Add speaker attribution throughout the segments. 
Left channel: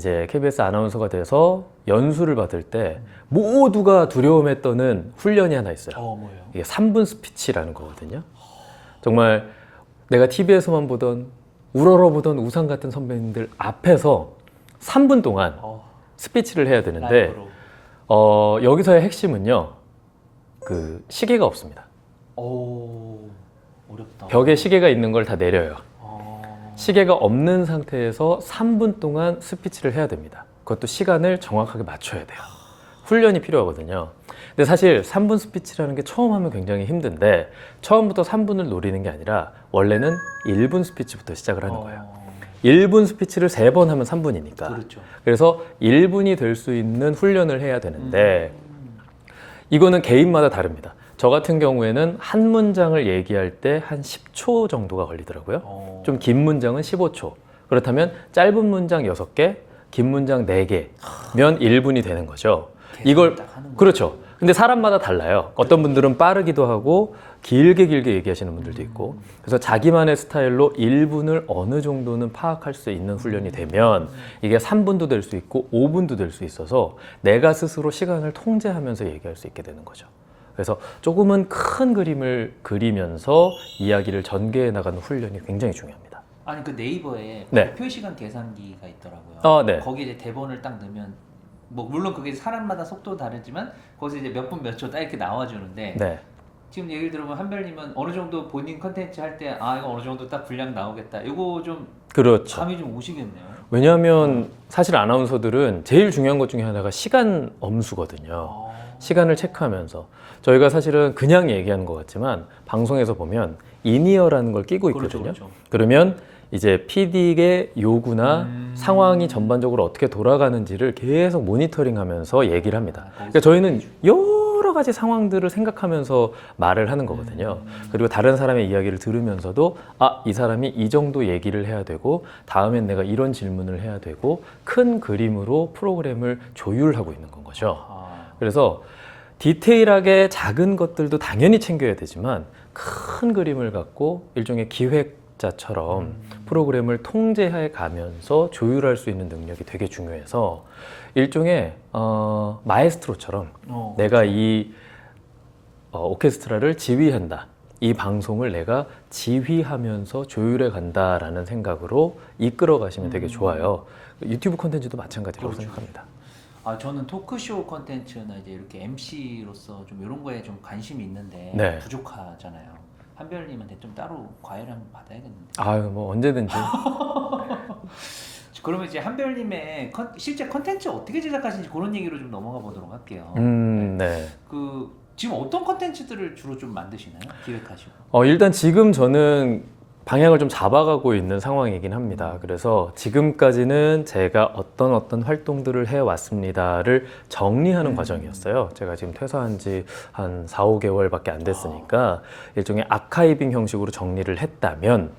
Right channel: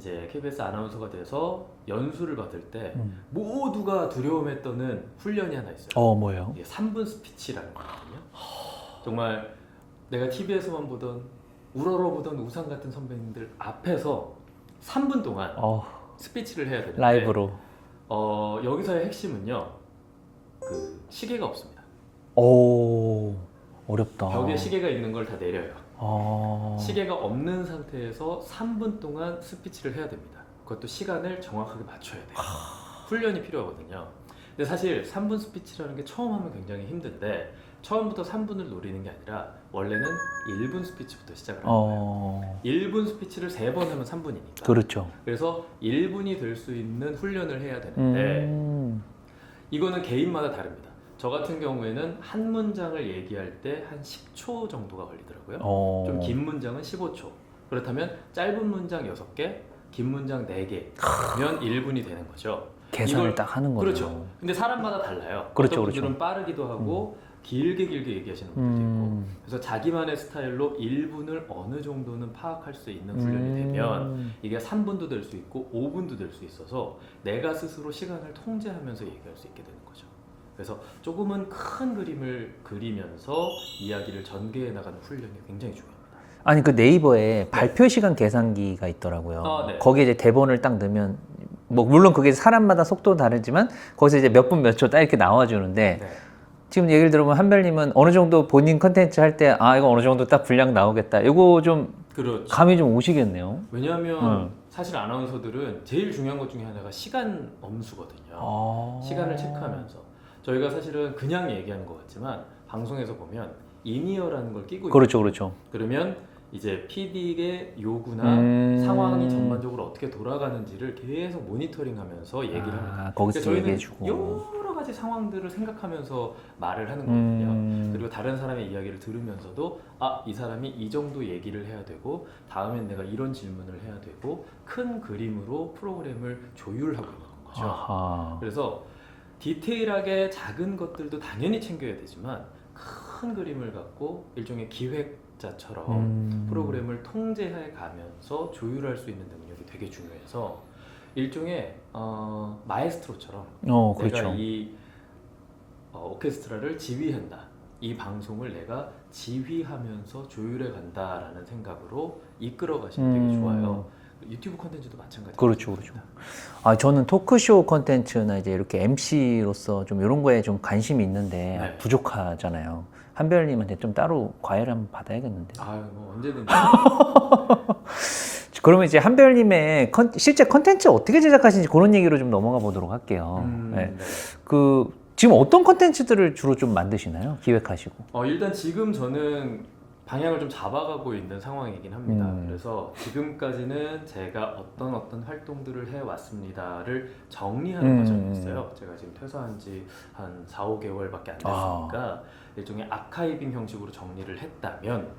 Speaker 1: 이제 KBS 아나운서가 돼서 연수를 받을 때 모두가 두려움에 떠는 훈련이 하나 있어요.
Speaker 2: 어 뭐예요?
Speaker 1: 이게 3분 스피치라는 거거든요. 정말 내가 TV에서만 보던 우러러 보던 우상 같은 선배님들 앞에서 3분 동안
Speaker 2: 어
Speaker 1: 스피치를 해야 되는데
Speaker 2: 라이브로.
Speaker 1: 어, 여기서의 핵심은요. 그 시계가 없습니다.
Speaker 2: 오 어렵다.
Speaker 1: 벽에 시계가 있는 걸 다 내려요.
Speaker 2: 어...
Speaker 1: 시계가 없는 상태에서 3분 동안 스피치를 해야 됩니다. 그것도 시간을 정확하게 맞춰야 돼요. 훈련이 필요하거든요. 근데 사실 3분 스피치라는 게 처음 하면 굉장히 힘든데 처음부터 3분을 노리는 게 아니라 원래는 1분 스피치부터 시작을 하는 거예요.
Speaker 2: 어...
Speaker 1: 1분 스피치를 3번 하면 3분이니까.
Speaker 2: 그렇죠.
Speaker 1: 그래서 1분이 될 수 있는 훈련을 해야 되는데
Speaker 2: 음...
Speaker 1: 이거는 개인마다 다릅니다. 저 같은 경우에는 한 문장을 얘기할 때 한 10초 정도가 걸리더라고요.
Speaker 2: 어...
Speaker 1: 좀 긴 문장은 15초. 그렇다면 짧은 문장 6개, 긴 문장 4개면 1분이 되는 거죠. 이걸
Speaker 2: 딱 하는 거죠.
Speaker 1: 그렇죠. 근데 사람마다 달라요.
Speaker 2: 그렇죠,
Speaker 1: 어떤 분들은 빠르기도 하고 길게 길게 얘기하시는 분들도 있고.
Speaker 2: 음.
Speaker 1: 그래서 자기만의 스타일로 1분을 어느 정도는 파악할 수 있는 훈련이
Speaker 2: 음.
Speaker 1: 되면 이게 3분도 될 수 있고 5분도 될 수 있어서 내가 스스로 시간을 통제하면서 얘기할 수 있게 되는 거죠. 그래서 조금은 큰 그림을 그리면서 이야기를 전개해 나가는 훈련이 굉장히 중요합니다.
Speaker 2: 아니 그 네이버에
Speaker 1: 네.
Speaker 2: 발표 시간 계산기가 있더라고요.
Speaker 1: 아, 네.
Speaker 2: 거기에 이제 대본을 딱 넣으면 뭐 물론 그게 사람마다 속도 다르지만 거기서 이제 몇 분 몇 초 딱 이렇게 나와주는데
Speaker 1: 네.
Speaker 2: 지금 얘기를 들어보면 한별님은 어느 정도 본인 컨텐츠 할 때 아 이거 어느 정도 딱 분량 나오겠다. 이거 좀
Speaker 1: 그렇죠.
Speaker 2: 감이 좀 오시겠네요.
Speaker 1: 왜냐하면
Speaker 2: 음.
Speaker 1: 사실 아나운서들은 제일 중요한 것 중에 하나가 시간 엄수거든요.
Speaker 2: 아.
Speaker 1: 시간을 체크하면서 저희가 사실은 그냥 얘기하는 것 같지만 방송에서 보면 인이어라는 걸 끼고 있거든요.
Speaker 2: 그렇죠, 그렇죠.
Speaker 1: 그러면 이제 PD의 요구나
Speaker 2: 음.
Speaker 1: 상황이 전반적으로 어떻게 돌아가는지를 계속 모니터링하면서 얘기를 합니다.
Speaker 2: 아,
Speaker 1: 그러니까 저희는. 여러 가지 상황들을 생각하면서 말을 하는 거거든요.
Speaker 2: 음.
Speaker 1: 그리고 다른 사람의 이야기를 들으면서도 아, 이 사람이 이 정도 얘기를 해야 되고 다음엔 내가 이런 질문을 해야 되고 큰 그림으로 프로그램을 조율하고 있는 건 거죠.
Speaker 2: 아하.
Speaker 1: 그래서 디테일하게 작은 것들도 당연히 챙겨야 되지만 큰 그림을 갖고 일종의 기획자처럼
Speaker 2: 음.
Speaker 1: 프로그램을 통제해 가면서 조율할 수 있는 능력이 되게 중요해서 일종의 어, 마에스트로처럼
Speaker 2: 어,
Speaker 1: 내가
Speaker 2: 그렇죠.
Speaker 1: 이 어, 오케스트라를 지휘한다. 이 방송을 내가 지휘하면서 조율해 간다라는 생각으로 이끌어 가시면 되게
Speaker 2: 음.
Speaker 1: 좋아요. 유튜브 콘텐츠도 마찬가지라고
Speaker 2: 그렇죠,
Speaker 1: 생각합니다.
Speaker 2: 아 저는 토크쇼 컨텐츠나 이제 이렇게 MC로서 좀 이런 거에 좀 관심이 있는데
Speaker 1: 네.
Speaker 2: 부족하잖아요. 한별님한테 좀 따로 과외를 한번 받아야겠는데.
Speaker 1: 아유 뭐 언제든지
Speaker 2: 그러면 이제 한별님의 컨- 실제 컨텐츠 어떻게 제작하시는지 그런 얘기로 좀 넘어가 보도록 할게요.
Speaker 1: 음,
Speaker 2: 네.
Speaker 1: 네.
Speaker 2: 그 지금 어떤 컨텐츠들을 주로 좀 만드시나요? 기획하시고.
Speaker 1: 어, 일단 지금 저는 방향을 좀 잡아가고 있는 상황이긴 합니다.
Speaker 2: 음.
Speaker 1: 그래서 지금까지는 제가 어떤 어떤 활동들을 해왔습니다를 정리하는
Speaker 2: 음.
Speaker 1: 과정이었어요. 제가 지금 퇴사한 지 한 4, 5개월밖에 안 됐으니까
Speaker 2: 아.
Speaker 1: 일종의 아카이빙 형식으로 정리를 했다면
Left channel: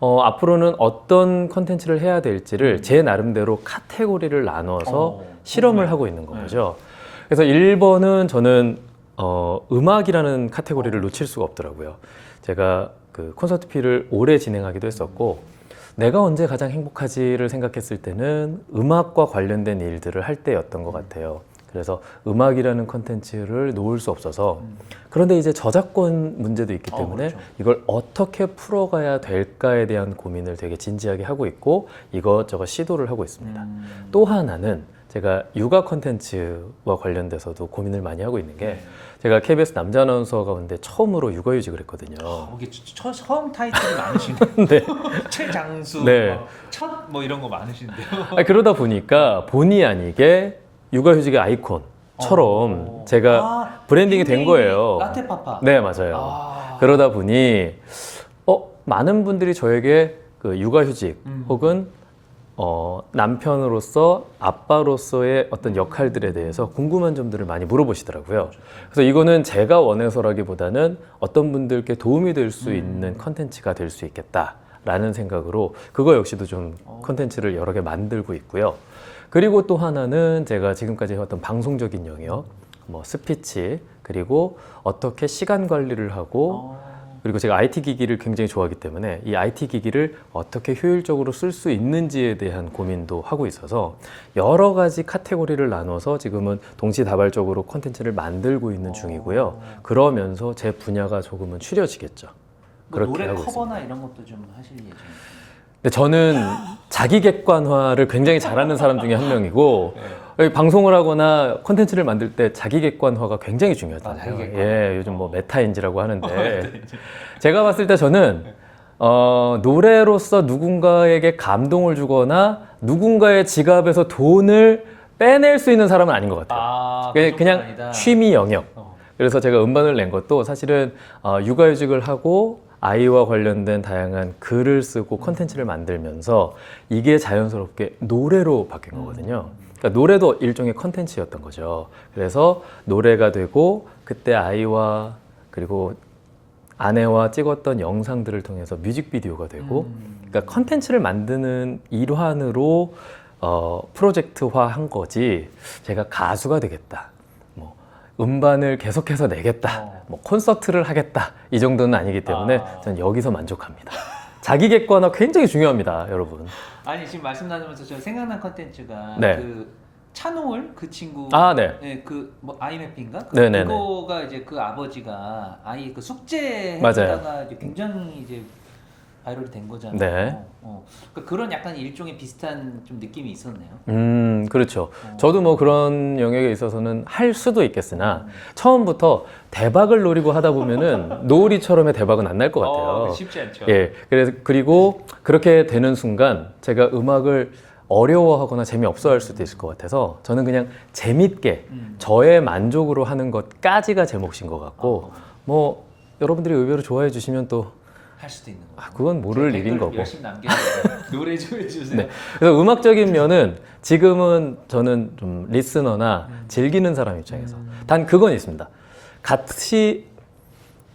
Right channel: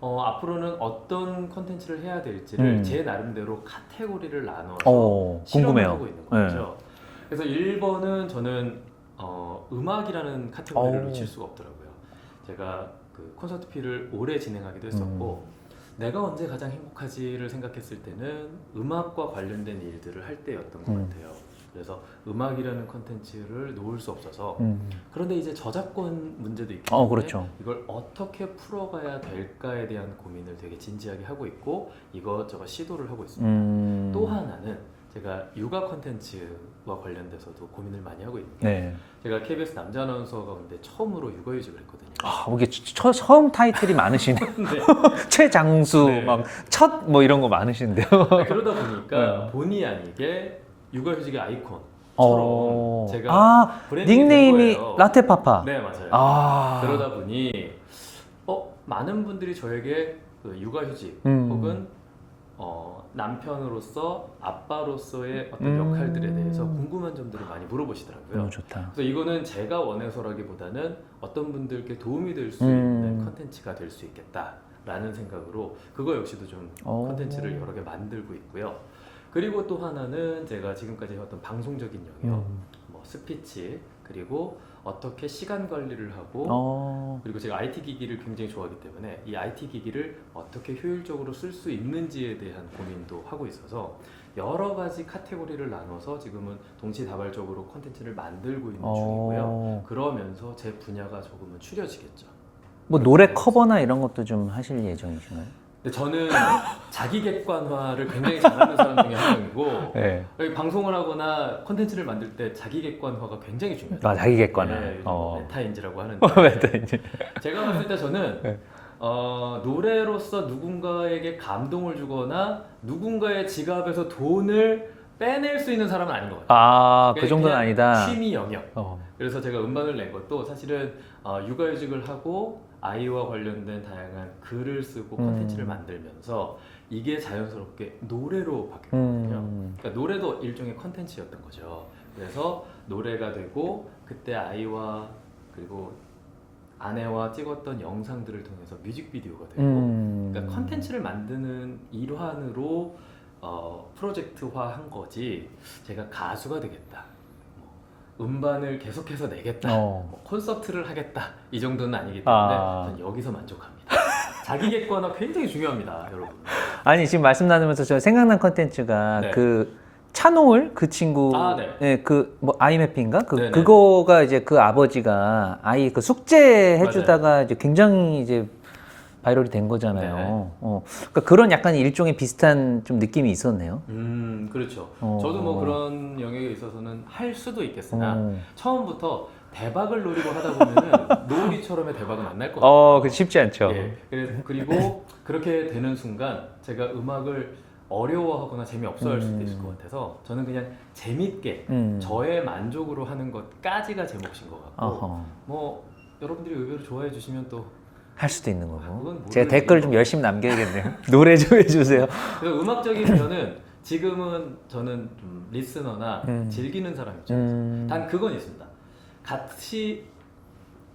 Speaker 1: 어, 앞으로는 어떤 컨텐츠를 해야 될지를
Speaker 2: 음.
Speaker 1: 제 나름대로 카테고리를 나눠서
Speaker 2: 어,
Speaker 1: 실험을
Speaker 2: 궁금해요.
Speaker 1: 하고 있는 거죠. 그래서 1번은 저는 어, 음악이라는 카테고리를
Speaker 2: 어.
Speaker 1: 놓칠 수가 없더라고요. 제가 그 콘서트 피를 오래 진행하기도 했었고 내가 언제 가장 행복하지를 생각했을 때는 음악과 관련된 일들을 할 때였던 것
Speaker 2: 음.
Speaker 1: 같아요. 그래서 음악이라는 컨텐츠를 놓을 수 없어서
Speaker 2: 음.
Speaker 1: 그런데 이제 저작권 문제도 있기
Speaker 2: 어,
Speaker 1: 때문에
Speaker 2: 그렇죠.
Speaker 1: 이걸 어떻게 풀어가야 될까에 대한 고민을 되게 진지하게 하고 있고 이것저것 시도를 하고 있습니다.
Speaker 2: 음.
Speaker 1: 또 하나는 제가 육아 컨텐츠와 관련돼서도 고민을 많이 하고 있는 게
Speaker 2: 네.
Speaker 1: 제가 KBS 남자 아나운서 가운데 처음으로 육아휴직을 했거든요.
Speaker 2: 아, 이게 처, 처음 타이틀이 많으시네. 최장수,
Speaker 1: 네.
Speaker 2: 첫뭐 이런 거 많으신데요.
Speaker 1: 아니, 그러다 보니까 본의 아니게 육아휴직의 아이콘 처럼
Speaker 2: 어.
Speaker 1: 제가
Speaker 2: 아,
Speaker 1: 브랜딩이 된 거예요.
Speaker 2: 라테 파파.
Speaker 1: 네 맞아요.
Speaker 2: 아.
Speaker 1: 그러다 보니 어 많은 분들이 저에게 그 육아휴직
Speaker 2: 음.
Speaker 1: 혹은 어, 남편으로서 아빠로서의 어떤
Speaker 2: 음.
Speaker 1: 역할들에 대해서 궁금한 점들을 많이 물어보시더라고요.
Speaker 2: 좋다.
Speaker 1: 그래서 이거는 제가 원해서라기보다는 어떤 분들께 도움이 될 수
Speaker 2: 음.
Speaker 1: 있는 컨텐츠가 될 수 있겠다라는 생각으로 그거 역시도 좀
Speaker 2: 어.
Speaker 1: 컨텐츠를 여러 개 만들고 있고요. 그리고 또 하나는 제가 지금까지 해왔던 방송적인 영역, 뭐 스피치 그리고 어떻게 시간 관리를 하고
Speaker 2: 어.
Speaker 1: 그리고 제가 IT 기기를 굉장히 좋아하기 때문에 이 IT 기기를 어떻게 효율적으로 쓸 수 있는지에 대한 고민도 하고 있어서 여러 가지 카테고리를 나눠서 지금은 동시다발적으로 콘텐츠를 만들고 있는
Speaker 2: 어.
Speaker 1: 중이고요. 그러면서 제 분야가 조금은 추려지겠죠.
Speaker 2: 뭐 노래 커버나 이런 것도 좀 하실 예정이시나요?
Speaker 1: 근데 저는 자기 객관화를 굉장히 잘하는 사람 중에 한 명이고
Speaker 2: 네.
Speaker 1: 방송을 하거나 콘텐츠를 만들 때 자기 객관화가 굉장히 중요하다.
Speaker 2: 아, 자기 객관화.
Speaker 1: 예, 요즘 뭐
Speaker 2: 어.
Speaker 1: 메타인지라고 하는데 제가 봤을 때 저는 어, 노래로서 누군가에게 감동을 주거나 누군가의 지갑에서 돈을 빼낼 수 있는 사람은 아닌 것 같아요.
Speaker 2: 아, 그 정도는
Speaker 1: 그냥
Speaker 2: 아니다.
Speaker 1: 취미 영역.
Speaker 2: 어.
Speaker 1: 그래서 제가 음반을 낸 것도 사실은 어, 육아휴직을 하고 아이와 관련된 다양한 글을 쓰고
Speaker 2: 음.
Speaker 1: 컨텐츠를 만들면서 이게 자연스럽게 노래로 바뀐 거거든요.
Speaker 2: 음.
Speaker 1: 그러니까 노래도 일종의 컨텐츠였던 거죠. 그래서 노래가 되고 그때 아이와 그리고 아내와 찍었던 영상들을 통해서 뮤직비디오가 되고
Speaker 2: 음.
Speaker 1: 그러니까 컨텐츠를 만드는 일환으로 어, 프로젝트화 한 거지 제가 가수가 되겠다 뭐 음반을 계속해서 내겠다
Speaker 2: 어.
Speaker 1: 뭐 콘서트를 하겠다 이 정도는 아니기 때문에
Speaker 2: 아.
Speaker 1: 저는 여기서 만족합니다 자기 객관화 굉장히 중요합니다 여러분
Speaker 2: 아니 지금 말씀 나누면서 저 생각난 컨텐츠가
Speaker 1: 네.
Speaker 2: 그 차노을 그 친구
Speaker 1: 아, 네.
Speaker 2: 그뭐 아이맵인가 그
Speaker 1: 네네네.
Speaker 2: 그거가 이제 그 아버지가 아이 그 숙제 해주다가 이제 굉장히 이제 바이럴이 된 거잖아요.
Speaker 1: 네.
Speaker 2: 어. 그러니까 그런 약간 일종의 비슷한 좀 느낌이 있었네요.
Speaker 1: 음 그렇죠
Speaker 2: 어.
Speaker 1: 저도 뭐 그런 영역에 있어서는 할 수도 있겠으나
Speaker 2: 어.
Speaker 1: 처음부터 대박을 노리고 하다 보면은 노을이처럼의 대박은 안 날 것 같아요
Speaker 2: 어, 그 쉽지 않죠.
Speaker 1: 예. 그래서 그리고 그렇게 되는 순간 제가 음악을 어려워하거나 재미없어 할 수도 있을 것 같아서 저는 그냥 재밌게
Speaker 2: 음.
Speaker 1: 저의 만족으로 하는 것까지가 제 몫인 것 같고
Speaker 2: 어허.
Speaker 1: 뭐 여러분들이 의외로 좋아해 주시면 또
Speaker 2: 할 수도 있는 거고.
Speaker 1: 아, 그건 모를
Speaker 2: 댓글
Speaker 1: 일인
Speaker 2: 좀. 열심히 남겨야겠네요. 노래 좀 해주세요.
Speaker 1: 그래서 음악적인 면은 지금은 저는 좀 리스너나 즐기는 사람 입장에서
Speaker 2: 음.
Speaker 1: 단 그건 있습니다. 같이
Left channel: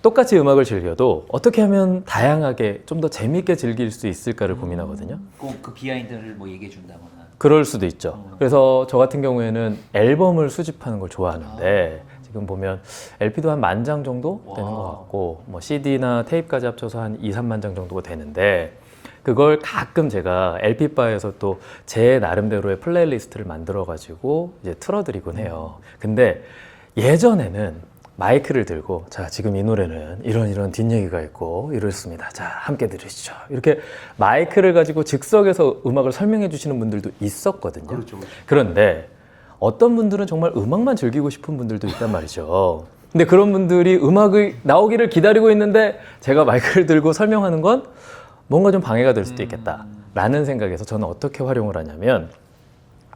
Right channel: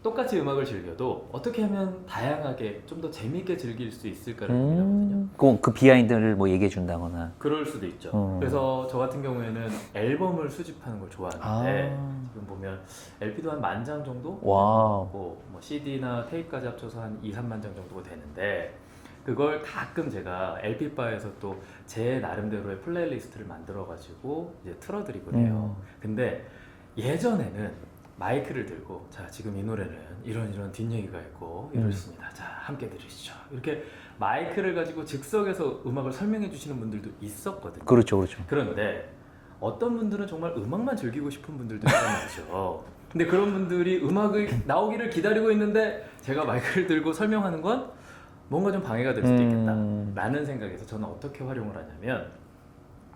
Speaker 1: 똑같이 음악을 즐겨도 어떻게 하면 다양하게 좀 더 재밌게 즐길 수 있을까를 고민하거든요.
Speaker 2: 그, 그 비하인드를 뭐 얘기해 준다거나.
Speaker 1: 그럴 수도 있죠.
Speaker 2: 어.
Speaker 1: 그래서 저 같은 경우에는 앨범을 수집하는 걸 좋아하는데
Speaker 2: 아.
Speaker 1: 지금 보면 LP도 한 만 장 정도 되는. 것 같고 뭐 CD나 테이프까지 합쳐서 한 2, 3만 장 정도가 되는데 그걸 가끔 제가 LP 바에서 또 제 나름대로의 플레이리스트를 만들어 가지고 이제 틀어드리곤 해요. 근데 예전에는 마이크를 들고 자 지금 이 노래는 이런 이런 뒷얘기가 있고 이렇습니다. 자 함께 들으시죠. 이렇게 마이크를 가지고 즉석에서 음악을 설명해 주시는 분들도 있었거든요.
Speaker 2: 그렇죠, 그렇죠.
Speaker 1: 그런데 어떤 분들은 정말 음악만 즐기고 싶은 분들도 있단 말이죠. 근데 그런 분들이 음악이 나오기를 기다리고 있는데 제가 마이크를 들고 설명하는 건 뭔가 좀 방해가 될 수도
Speaker 2: 음.
Speaker 1: 있겠다라는 생각에서 저는 어떻게 활용을 하냐면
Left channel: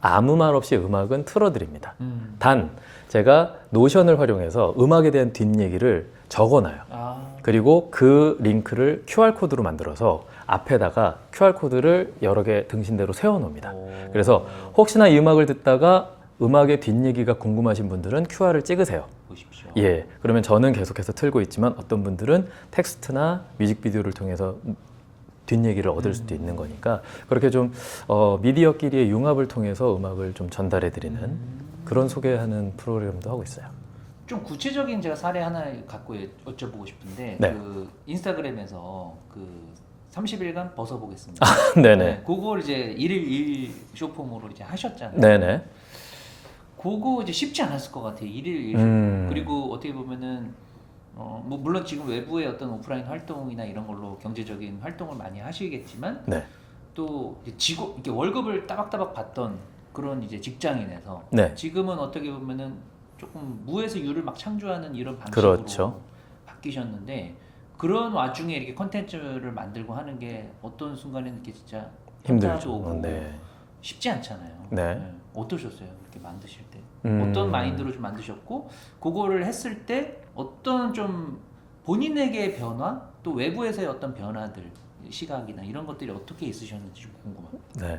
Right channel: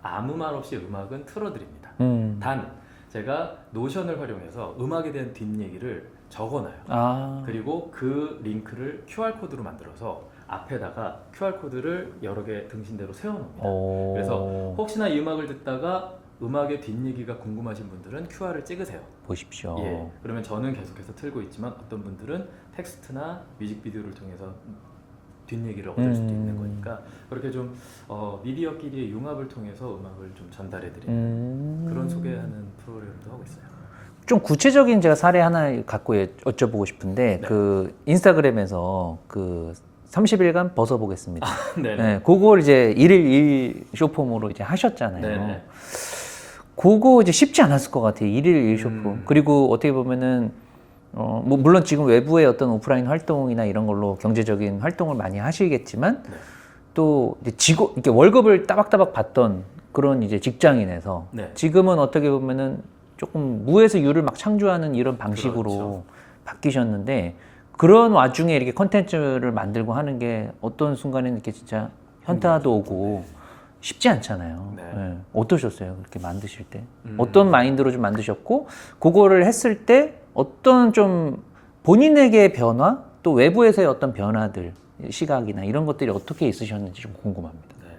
Speaker 1: 아무 말 없이 음악은 틀어드립니다.
Speaker 2: 음.
Speaker 1: 단 제가 노션을 활용해서 음악에 대한 뒷얘기를 적어놔요.
Speaker 2: 아.
Speaker 1: 그리고 그 링크를 QR 코드로 만들어서 앞에다가 QR 코드를 여러 개 등신대로 세워놓습니다.
Speaker 2: 오.
Speaker 1: 그래서 혹시나 이 음악을 듣다가 음악의 뒷얘기가 궁금하신 분들은 QR을 찍으세요.
Speaker 2: 보십시오.
Speaker 1: 예. 그러면 저는 계속해서 틀고 있지만 어떤 분들은 텍스트나 뮤직비디오를 통해서 뒷얘기를 얻을 수도 있는 거니까 그렇게 좀 어, 미디어끼리의 융합을 통해서 음악을 좀 전달해 드리는
Speaker 2: 음.
Speaker 1: 그런 소개하는 프로그램도 하고 있어요.
Speaker 2: 좀 구체적인 제가 사례 하나 갖고 여- 여쭤보고 싶은데
Speaker 1: 네.
Speaker 2: 그 인스타그램에서 그 30일간 벗어보겠습니다.
Speaker 1: 네네.
Speaker 2: 네, 그걸 이제 일일 일 쇼폼으로 이제 하셨잖아요.
Speaker 1: 네네.
Speaker 2: 그거 이제 쉽지 않았을 것 같아요. 일일 일 쇼폼.
Speaker 1: 음.
Speaker 2: 그리고 어떻게 보면은 어, 뭐 물론 지금 외부의 어떤 오프라인 활동이나 이런 걸로 경제적인 활동을 많이 하시겠지만
Speaker 1: 네.
Speaker 2: 또 이제 직업 이렇게 월급을 따박따박 받던 그런 이제 직장인에서
Speaker 1: 네.
Speaker 2: 지금은 어떻게 보면은 조금 무에서 유를 막 창조하는 이런 방식으로
Speaker 1: 그렇죠.
Speaker 2: 바뀌셨는데 그런 와중에 이렇게 컨텐츠를 만들고 하는 게 어떤 순간에는 이렇게 진짜 현타도. 오고
Speaker 1: 네.
Speaker 2: 쉽지 않잖아요.
Speaker 1: 네.
Speaker 2: 어떠셨어요? 그렇게 만드실 때
Speaker 1: 음.
Speaker 2: 어떤 마인드로 좀 만드셨고 그거를 했을 때 어떤 좀 본인에게의 변화 또 외부에서의 어떤 변화들 시각이나 이런 것들이 어떻게 있으셨는지 좀 궁금합니다.
Speaker 1: 네.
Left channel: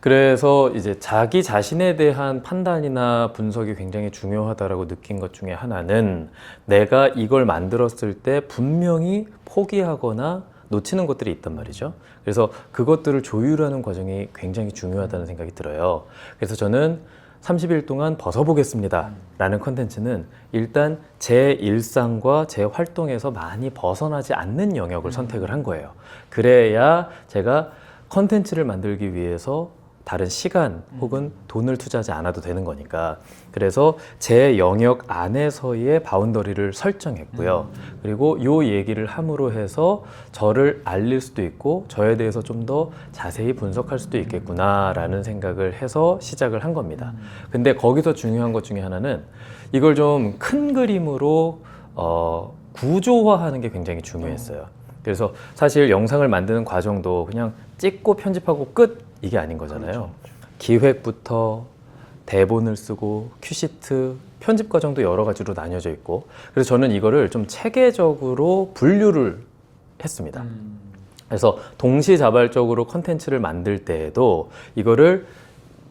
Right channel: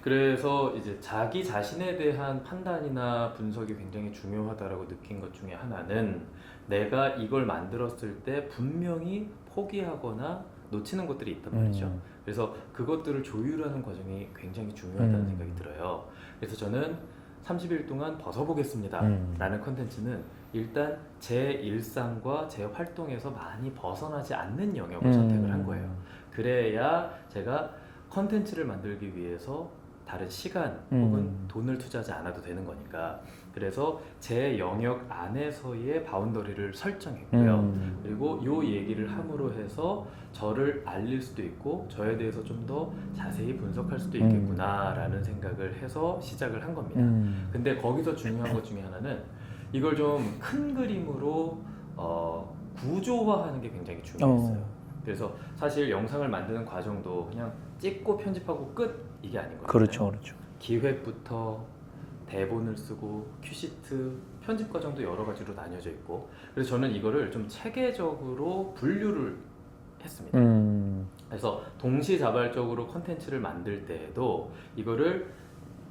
Speaker 1: 그래서 이제 자기 자신에 대한 판단이나 분석이 굉장히 중요하다라고 느낀 것 중에 하나는 내가 이걸 만들었을 때 분명히 포기하거나 놓치는 것들이 있단 말이죠. 그래서 그것들을 조율하는 과정이 굉장히 중요하다는 생각이 들어요. 그래서 저는 30일 동안 벗어보겠습니다. 라는 컨텐츠는 일단 제 일상과 제 활동에서 많이 벗어나지 않는 영역을
Speaker 2: 음.
Speaker 1: 선택을 한 거예요. 그래야 제가 컨텐츠를 만들기 위해서 다른 시간 혹은 돈을 투자하지 않아도 되는 거니까. 그래서 제 영역 안에서의 바운더리를 설정했고요. 그리고 요 얘기를 함으로 해서 저를 알릴 수도 있고 저에 대해서 좀 더 자세히 분석할 수도 있겠구나라는 생각을 해서 시작을 한 겁니다. 근데 거기서 중요한 것 중에 하나는 이걸 좀 큰 그림으로 어, 구조화하는 게 굉장히 중요했어요. 그래서 사실 영상을 만드는 과정도 그냥 찍고 편집하고 끝 이게 아닌 거잖아요.
Speaker 2: 그렇죠, 그렇죠.
Speaker 1: 기획부터 대본을 쓰고 큐시트 편집 과정도 여러 가지로 나뉘어져 있고 그래서 저는 이거를 좀 체계적으로 분류를 했습니다.
Speaker 2: 음.
Speaker 1: 그래서 동시자발적으로 컨텐츠를 만들 때에도 이거를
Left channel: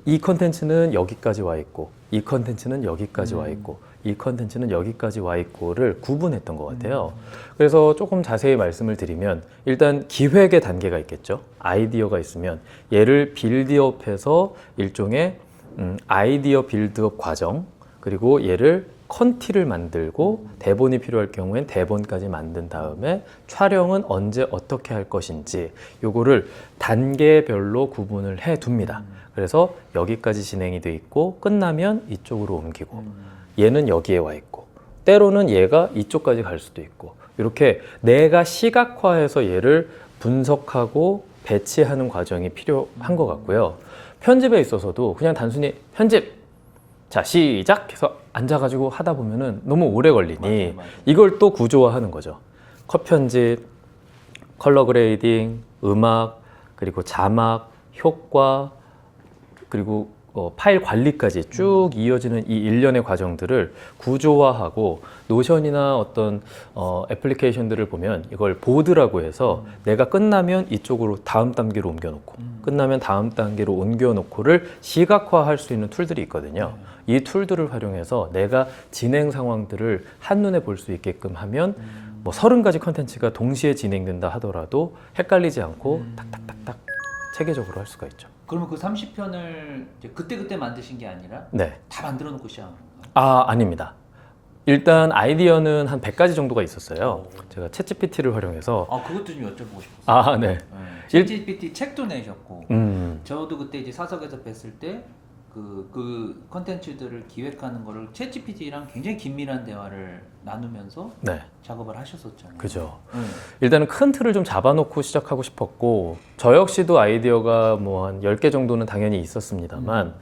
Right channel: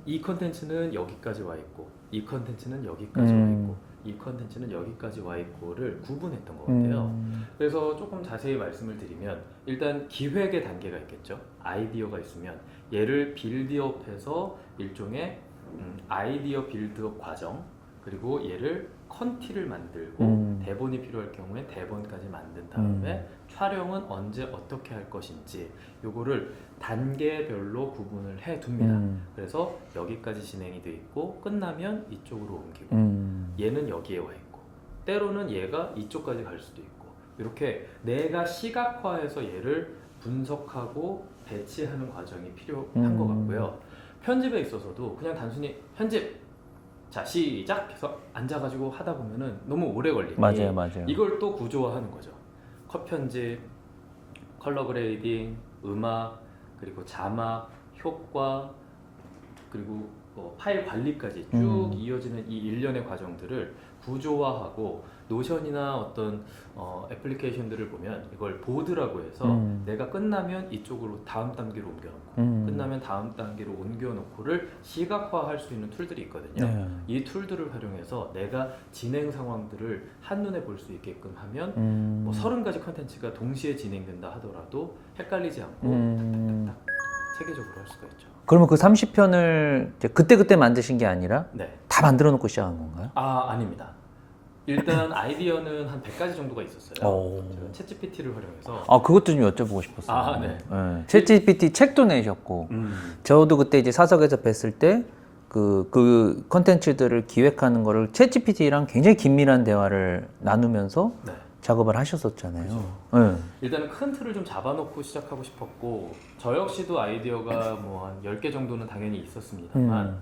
Speaker 1: 이 컨텐츠는 여기까지 와 있고 이 컨텐츠는 여기까지 와
Speaker 2: 음.
Speaker 1: 있고 이 컨텐츠는 여기까지 와 있고를 구분했던 것 같아요.
Speaker 2: 음.
Speaker 1: 그래서 조금 자세히 말씀을 드리면 일단 기획의 단계가 있겠죠. 아이디어가 있으면 얘를 빌드업해서 일종의 음, 아이디어 빌드업 과정 그리고 얘를 컨티를 만들고
Speaker 2: 음.
Speaker 1: 대본이 필요할 경우엔 대본까지 만든 다음에 촬영은 언제 어떻게 할 것인지 요거를 단계별로 구분을 해 둡니다.
Speaker 2: 음.
Speaker 1: 그래서 여기까지 진행이 돼 있고 끝나면 이쪽으로 옮기고
Speaker 2: 음.
Speaker 1: 얘는 여기에 와 있고 때로는 얘가 이쪽까지 갈 수도 있고 이렇게 내가 시각화해서 얘를 분석하고 배치하는 과정이 필요한 것 같고요. 편집에 있어서도 그냥 단순히 편집 자 시작 해서 앉아가지고 하다 보면은 너무 오래 걸리니
Speaker 2: 맞아요, 맞아요.
Speaker 1: 이걸 또 구조화하는 거죠. 컷 편집, 컬러 그레이딩, 음악, 그리고 자막, 효과, 그리고 어, 파일 관리까지 쭉 이어지는 이 일련의 과정들을 구조화하고 노션이나 어떤 어, 애플리케이션들을 보면 이걸 보드라고 해서 내가 끝나면 이쪽으로 다음 단계로 옮겨놓고
Speaker 2: 음.
Speaker 1: 끝나면 다음 단계로 옮겨놓고를 시각화할 수 있는 툴들이 있거든요.
Speaker 2: 네.
Speaker 1: 이 툴들을 활용해서 내가 진행 상황들을 한눈에 볼 수 있게끔 하면
Speaker 2: 음.
Speaker 1: 뭐 서른 가지 컨텐츠가 동시에 진행된다 하더라도 헷갈리지 않고
Speaker 2: 음.
Speaker 1: 탁탁탁탁 체계적으로 할 수가 있죠.
Speaker 2: 그러면 그 30편을 그때 그때 만드신 게 아니라
Speaker 1: 네.
Speaker 2: 다 만들어 놓고 시작한 건가요?
Speaker 1: 아, 아닙니다. 일단 아이디어는 한 100가지 정도가 있었어요.
Speaker 2: 오.
Speaker 1: 제가 챗GPT를 활용해서
Speaker 2: 아 그것도 좀 여쭤보고 싶었어요.
Speaker 1: 아, 네.
Speaker 2: 네. 챗GPT 책도 내셨고
Speaker 1: 음.
Speaker 2: 저도 그때 이제 사석에서 뵀을 때 그 그 컨텐츠들을 기획하는 거를 챗GPT랑 굉장히 긴밀한 대화를 나누면서
Speaker 1: 네.
Speaker 2: 작업을 하셨었잖아요.
Speaker 1: 그죠.
Speaker 2: 네.
Speaker 1: 일단은 큰 틀을 좀 잡아놓고 시작하고 싶었고 저 역시도 아이디어가 뭐 한 10개 정도는 당연히 있었습니다만
Speaker 2: 음.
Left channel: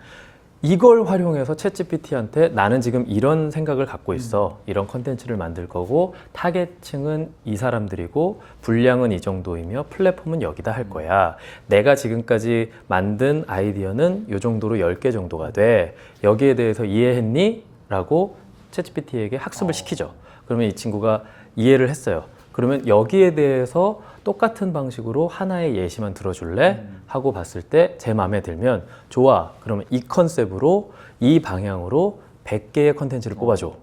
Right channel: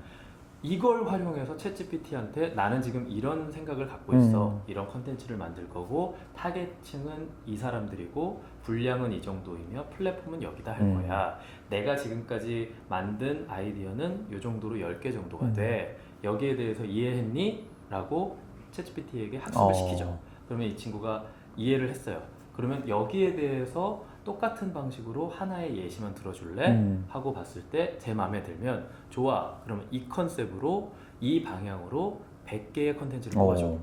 Speaker 1: 이걸 활용해서 챗GPT한테 나는 지금 이런 생각을 갖고 있어
Speaker 2: 음.
Speaker 1: 이런 컨텐츠를 만들 거고 타겟층은 이 사람들이고 분량은 이 정도이며 플랫폼은 여기다 할
Speaker 2: 음.
Speaker 1: 거야 내가 지금까지 만든 아이디어는 이 정도로 10개 정도가 돼 여기에 대해서 이해했니? 라고 챗GPT에게 학습을
Speaker 2: 어.
Speaker 1: 시키죠 그러면 이 친구가 이해를 했어요 그러면 여기에 대해서 똑같은 방식으로 하나의 예시만 들어줄래?
Speaker 2: 음.
Speaker 1: 하고 봤을 때 제 마음에 들면 좋아. 그러면 이 컨셉으로 이 방향으로 100개의 컨텐츠를 뽑아줘.
Speaker 2: 어.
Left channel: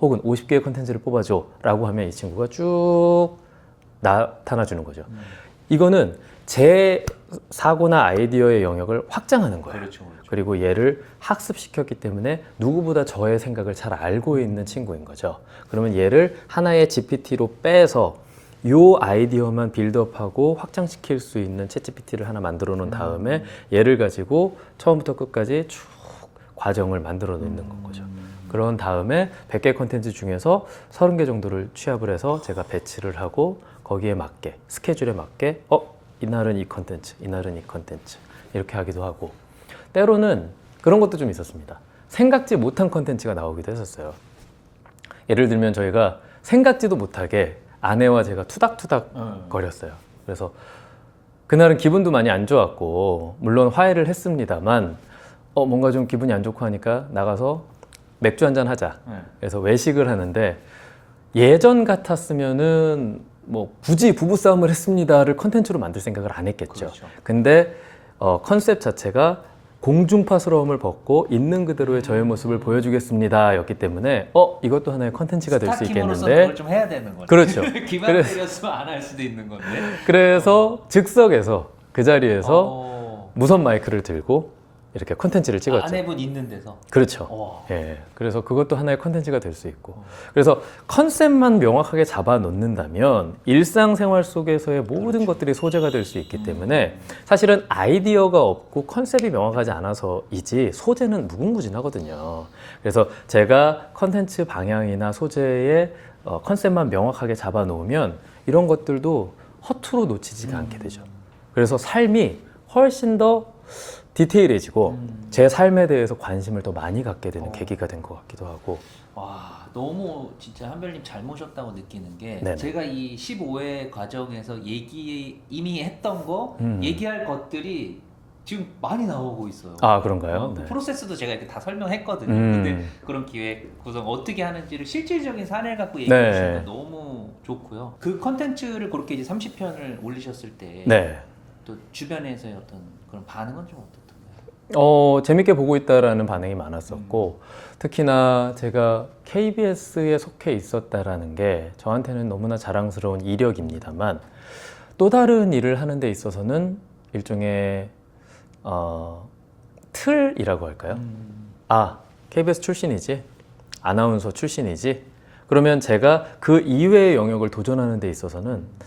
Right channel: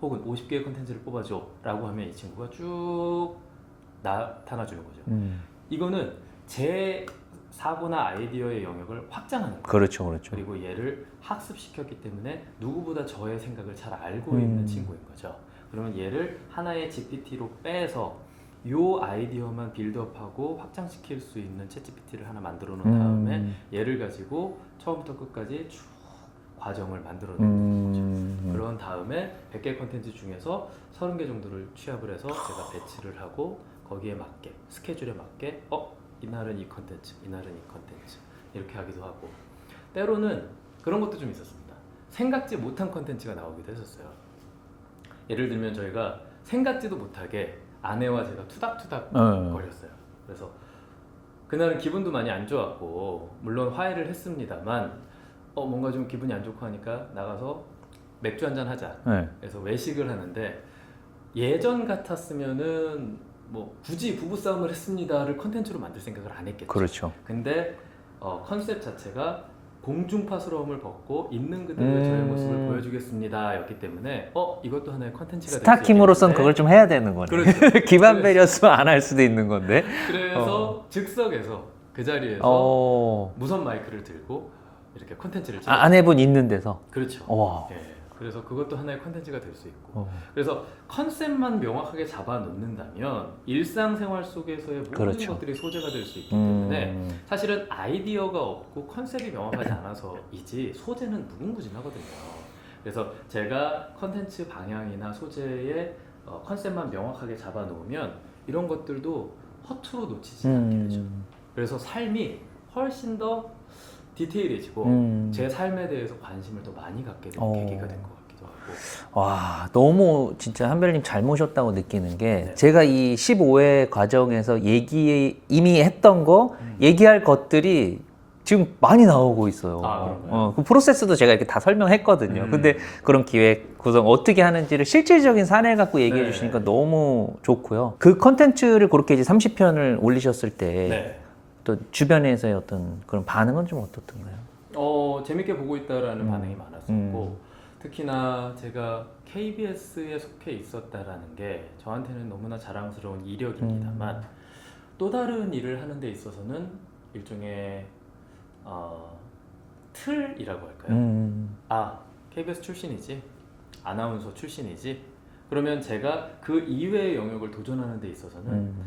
Speaker 1: 혹은 50개의 컨텐츠를 뽑아줘. 라고 하면 이 친구가 쭉 나타나 주는 거죠.
Speaker 2: 음.
Speaker 1: 이거는 제 사고나 아이디어의 영역을 확장하는 거예요.
Speaker 2: 그렇죠, 그렇죠.
Speaker 1: 그리고 얘를 학습시켰기 때문에 누구보다 저의 생각을 잘 알고
Speaker 2: 음.
Speaker 1: 있는 친구인 거죠. 그러면 얘를 하나의 GPT로 빼서 요 아이디어만 빌드업하고 확장시킬 수 있는 챗 GPT를 하나 만들어 놓은 다음에
Speaker 2: 음.
Speaker 1: 얘를 가지고 처음부터 끝까지 쭉 과정을 만들어 놓는 거죠.
Speaker 2: 음.
Speaker 1: 그런 다음에 100개 컨텐츠 중에서 30개 정도를 취합을 해서 제가 배치를 하고 거기에 맞게 스케줄에 맞게 어 이날은 이 컨텐츠 이날은 이 컨텐츠 이렇게 하기도 하고 때로는 그런 것도 좀 있었습니다 생각지 못한 컨텐츠가 나오기도 했었어요 예를 들면 저희가 생각지도 못하게 아내와 제가 투닥투닥
Speaker 2: 네.
Speaker 1: 거렸어요 그래서 그날은 기분도 많이 안 좋았고 물론 화해를 했습니다만 어 뭔가 좀 기분이 안 좋고 하니까 나가서 맥주 한잔 하자
Speaker 2: 네.
Speaker 1: 그래서 외식을 하는데 예전 같았으면은 뭐 굳이 부부 싸움을 했습니다를 컨텐츠로 만들 생각을 안 했겠죠.
Speaker 2: 그렇죠.
Speaker 1: 근데 어, 컨셉 자체가 공중파스러움을 벗고 있는 그대로의
Speaker 2: 음.
Speaker 1: 저의 모습을 보여주겠습니다 였기 때문에 어 이것도 하나의 컨텐츠가 될 수.
Speaker 2: 스타킴으로서는 그걸 좀 해야 되는 거네.
Speaker 1: 그렇죠.
Speaker 2: 기반 배렸으면 안 할 수도 있는 건데.
Speaker 1: 그래서 즉석에서 그 자리에서
Speaker 2: 어.
Speaker 1: 무선 마이크를 들고 이렇게 컨텐츠를 찍었죠.
Speaker 2: 아, 아내분 있는 데서.
Speaker 1: 그렇죠.
Speaker 2: 와.
Speaker 1: 예. 그래서 그것도 하나의 컨텐츠가 될 수 있고.
Speaker 2: 어.
Speaker 1: 그래서 컨셉만 명확하게 잡아 놓는다면 일상생활 속에서의 모든
Speaker 2: 그렇죠.
Speaker 1: 것들이 소재가 될 수 있기
Speaker 2: 음.
Speaker 1: 때문에 사실은 아이디어가 없고 컨셉이 명확하지 않아서이지 소재는 무궁무진하거든요. 그래서 제가 컨텐츠 방향이나 소재의 어, 컨셉만 명확하게 잡아 놓으면 이런 것들도 허투루 놓치지가 않게 되죠.
Speaker 2: 음.
Speaker 1: 그래서 삶이 훨씬 더 디테일해지고
Speaker 2: 음.
Speaker 1: 제 삶에 대해서 관심을 더 많이 갖게 되는
Speaker 2: 어.
Speaker 1: 계기가 된 것 같기도 하고
Speaker 2: 와 너무 진짜 한별님 잘 모셨다고 느끼는 게
Speaker 1: 네네.
Speaker 2: 제가 이 15회 과정에서 얘기 이미 했던 거
Speaker 1: 음.
Speaker 2: 얘기할 것들이 지금 많이 나오고 있어요.
Speaker 1: 아, 그런가요?
Speaker 2: 어, 그
Speaker 1: 네.
Speaker 2: 프로세스도 제가 이렇게 다 설명했거든요.
Speaker 1: 음.
Speaker 2: 근데 그런 기획 구성 어떻게 하는지를 실질적인 사례 갖고 얘기해
Speaker 1: 네.
Speaker 2: 주시니까 너무 좋고요. 그 컨텐츠를 그렇게 이제 30편을 올리셨을 때 또
Speaker 1: 네.
Speaker 2: 주변에서의 어떤 그런 반응은 좀 어떻던가요?
Speaker 1: 어, 재밌게 보고
Speaker 2: 음.
Speaker 1: 있다라는 반응이 많았었고 특히나 제가 KBS에 속해 있었다라는 게 저한테는 너무나 자랑스러운 이력입니다만
Speaker 2: 음.
Speaker 1: 또 다른 일을 하는 데 있어서는 일종의 어, 틀이라고 할까요?
Speaker 2: 음.
Speaker 1: 아, KBS 출신이지? 아나운서 출신이지? 그러면 제가 그 이외의 영역을 도전하는 데 있어서는
Speaker 2: 음.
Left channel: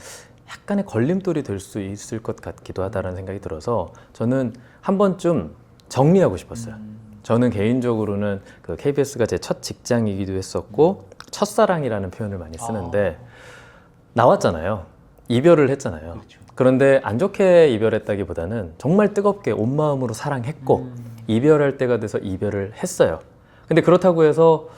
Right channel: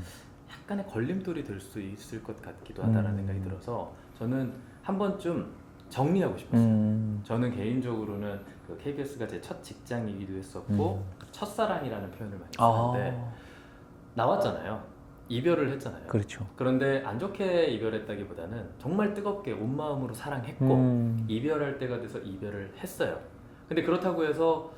Speaker 1: 약간의 걸림돌이 될 수 있을 것 같기도 하다라는
Speaker 2: 음.
Speaker 1: 생각이 들어서 저는 한 번쯤 정리하고 싶었어요.
Speaker 2: 음.
Speaker 1: 저는 개인적으로는 그 KBS가 제 첫 직장이기도 했었고 첫사랑이라는 표현을 많이 쓰는데 나왔잖아요. 이별을 했잖아요.
Speaker 2: 아, 그렇죠.
Speaker 1: 그런데 안 좋게 이별했다기보다는 정말 뜨겁게 온 마음으로 사랑했고
Speaker 2: 음.
Speaker 1: 이별할 때가 돼서 이별을 했어요. 근데 그렇다고 해서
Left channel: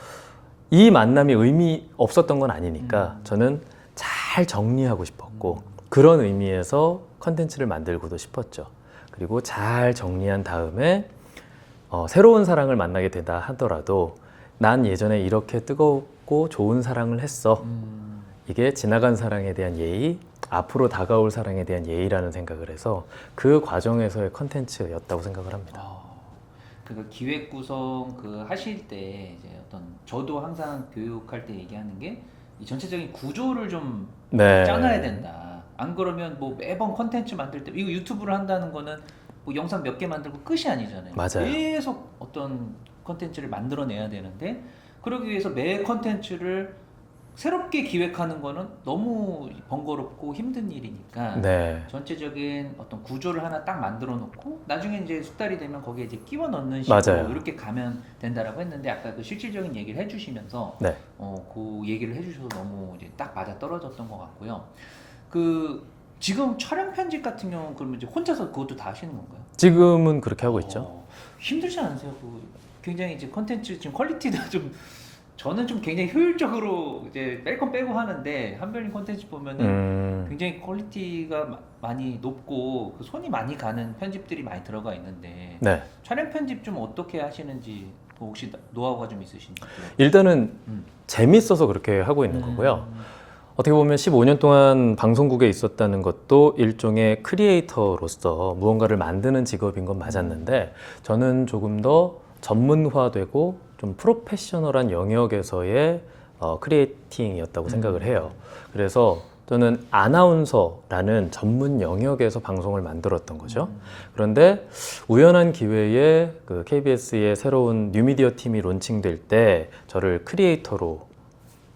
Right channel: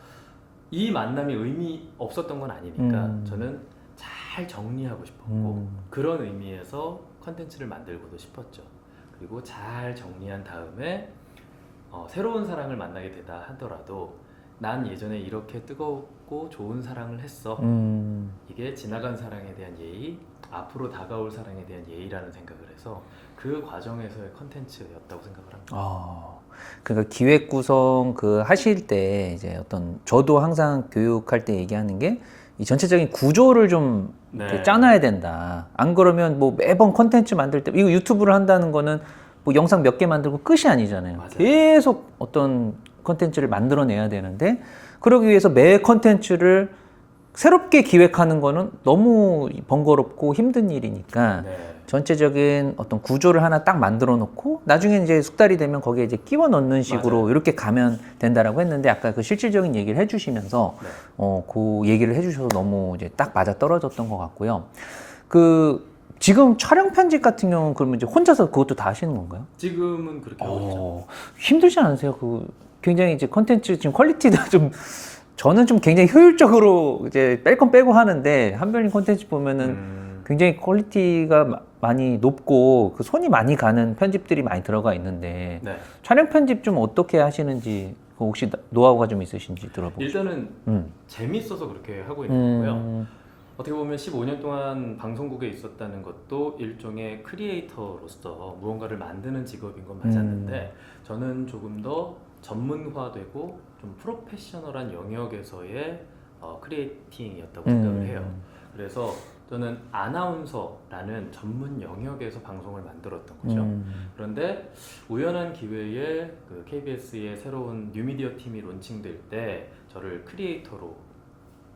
Speaker 1: 이 만남이 의미 없었던 건 아니니까
Speaker 2: 음.
Speaker 1: 저는 잘 정리하고 싶었고
Speaker 2: 음.
Speaker 1: 그런 의미에서 컨텐츠를 만들고도 싶었죠. 그리고 잘 정리한 다음에 어, 새로운 사랑을 만나게 되다 하더라도 난 예전에 이렇게 뜨겁고 좋은 사랑을 했어.
Speaker 2: 음.
Speaker 1: 이게 지나간 사랑에 대한 예의, 앞으로 다가올 사랑에 대한 예의라는 생각을 해서 그 과정에서의 컨텐츠였다고 생각을 합니다.
Speaker 2: 아, 그러니까 기획 구성 그 하실 때 이제 어떤 저도 항상 교육할 때 얘기하는 게 이 전체적인 구조를 좀
Speaker 1: 네.
Speaker 2: 짜놔야 된다. 안 그러면 뭐 매번 컨텐츠 만들 때 이거 유튜브를 한다는 거는 뭐 영상 몇 개 만들고 끝이 아니잖아요.
Speaker 1: 맞아요.
Speaker 2: 계속 어떤 컨텐츠를 만들어내야 되는데 그러기 위해서 매 컨텐츠를 새롭게 기획하는 거는 너무 번거롭고 힘든 일이니까
Speaker 1: 네.
Speaker 2: 전체적인 어떤 구조를 하나 딱 만들어 놓고 나중에 이제 숙달이 되면 거기에 이제 끼워 넣는 식으로
Speaker 1: 맞아요.
Speaker 2: 이렇게 가면 된다라고 했는데 아까 그 실질적인 얘기를 해주시면서
Speaker 1: 네.
Speaker 2: 어, 그 얘기를 해주셔서 너무 이제 딱 맞아 떨어졌던 것 같고요. 그 지금 촬영 편집 같은 경우는 그러면 이제 혼자서 그것도 다 하시는 건가요?
Speaker 1: 지금은 그렇게 하고 있죠.
Speaker 2: 어, 힘들지 않으세요? 그 굉장히 이제 컨텐츠 지금 퀄리티도 좀 저는 좀 굉장히 효율적으로 이제 뺄 건 빼고 하는데 한별님 컨텐츠 보면은
Speaker 1: 음,
Speaker 2: 굉장히 퀄리티가 마- 많이 높고 그 손이 많이 가는 편집들이 많이 들어가 있는데
Speaker 1: 네.
Speaker 2: 촬영 편집 좀 어떻게 하시는지 그 혹시 나- 노하우가 좀 있으신지 들어보고
Speaker 1: 일단은
Speaker 2: 음.
Speaker 1: 재밌어서 그렇게 하고 있는 거고요.
Speaker 2: 음.
Speaker 1: 어떻게 보면 15년 동안 방송국에 있었다는 것도 일종의 크리에이터로서 무언가를 만드는 직업인 건 맞았는데 저는 조금 더 전문화되고 좀 프로페셔널한 영역에서의 어, 크리에이팅이었다고 생각을
Speaker 2: 음.
Speaker 1: 해요. 그래서 저는 아나운서라는 전문 영역에서 방송을 만들었던 거죠.
Speaker 2: 음.
Speaker 1: 그런데 우연한 기회에 그 KBS의 새로운 뉴미디어 팀이 론칭될 때 저를 크리에이터로